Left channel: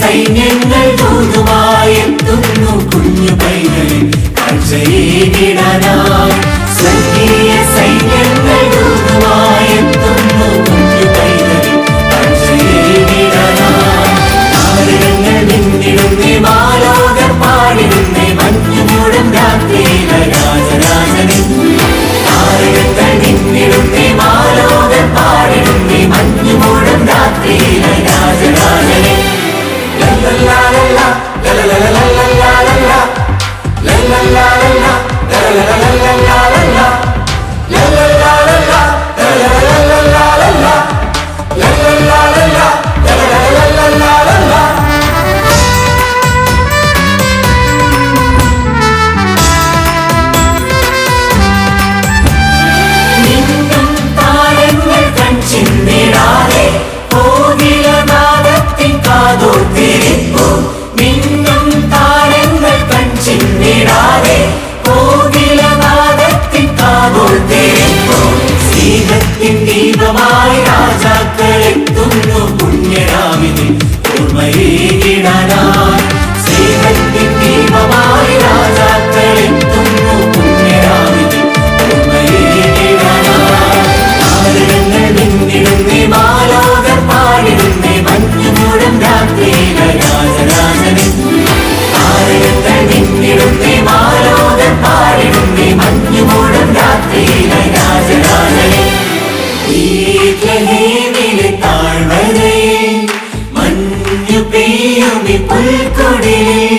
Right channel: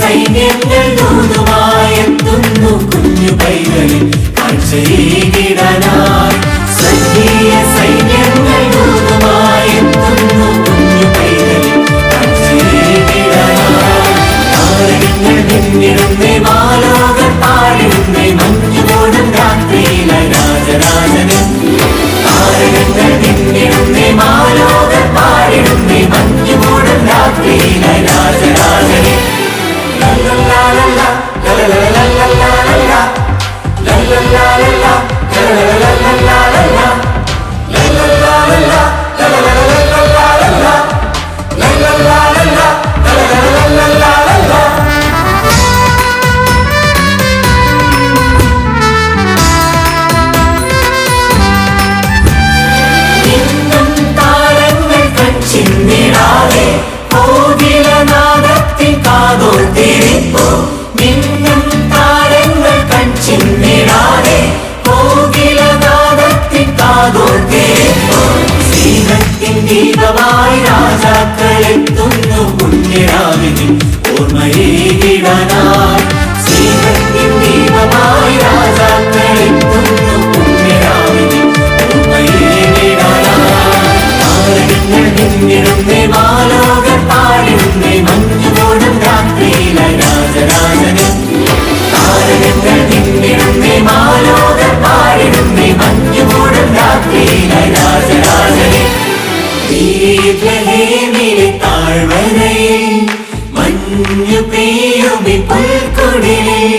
സൈന്യങ്ങൾ ദൂതുമായെത്തുന്നു കുഞ്ഞു പൈതലിൽ കാഴ്ചയേകിടാനായി. സ്വർഗീയ സൈന്യങ്ങൾ ദൂതുമായെത്തുന്നു കുഞ്ഞു പൈതലിൽ കാഴ്ചയേകിടാനായി. താരകങ്ങൾ മിന്നിടുന്നേ, മാലോകർ പാടിടുന്നേ, മഞ്ഞുമൂടും രാത്രിയിലെ രാജരാജനെ. താരകങ്ങൾ മിന്നിടുന്നേ, മാലോകർ പാടിടുന്നേ, മഞ്ഞുമൂടും രാത്രിയിലെ രാജരാജനെ. ദീപമായി രാജാക്കളെത്തുന്നു പുണ്യരാവിനെ ഓർമ്മയേകിടാനായി. സ്നേഹത്തിൻ ദീപമായി രാജാക്കളെത്തുന്നു പുണ്യരാവിനെ ഓർമ്മയേകിടാനായി. താരകങ്ങൾ മിന്നിടുന്നേ, മാലോകർ പാടിടുന്നേ, മഞ്ഞുമൂടും രാത്രിയിലെ രാജരാജനെ. താരകങ്ങൾ മിന്നിടുന്നേ, മാലോകർ പാടിടുന്നേ, മഞ്ഞുമൂടും രാത്രിയിലെ രാജരാജനെ. ബേത്ലഹേമിലെ താഴ്വരയിൽ മഞ്ഞു പെയ്യുമി പുൽക്കൊടിയിൽ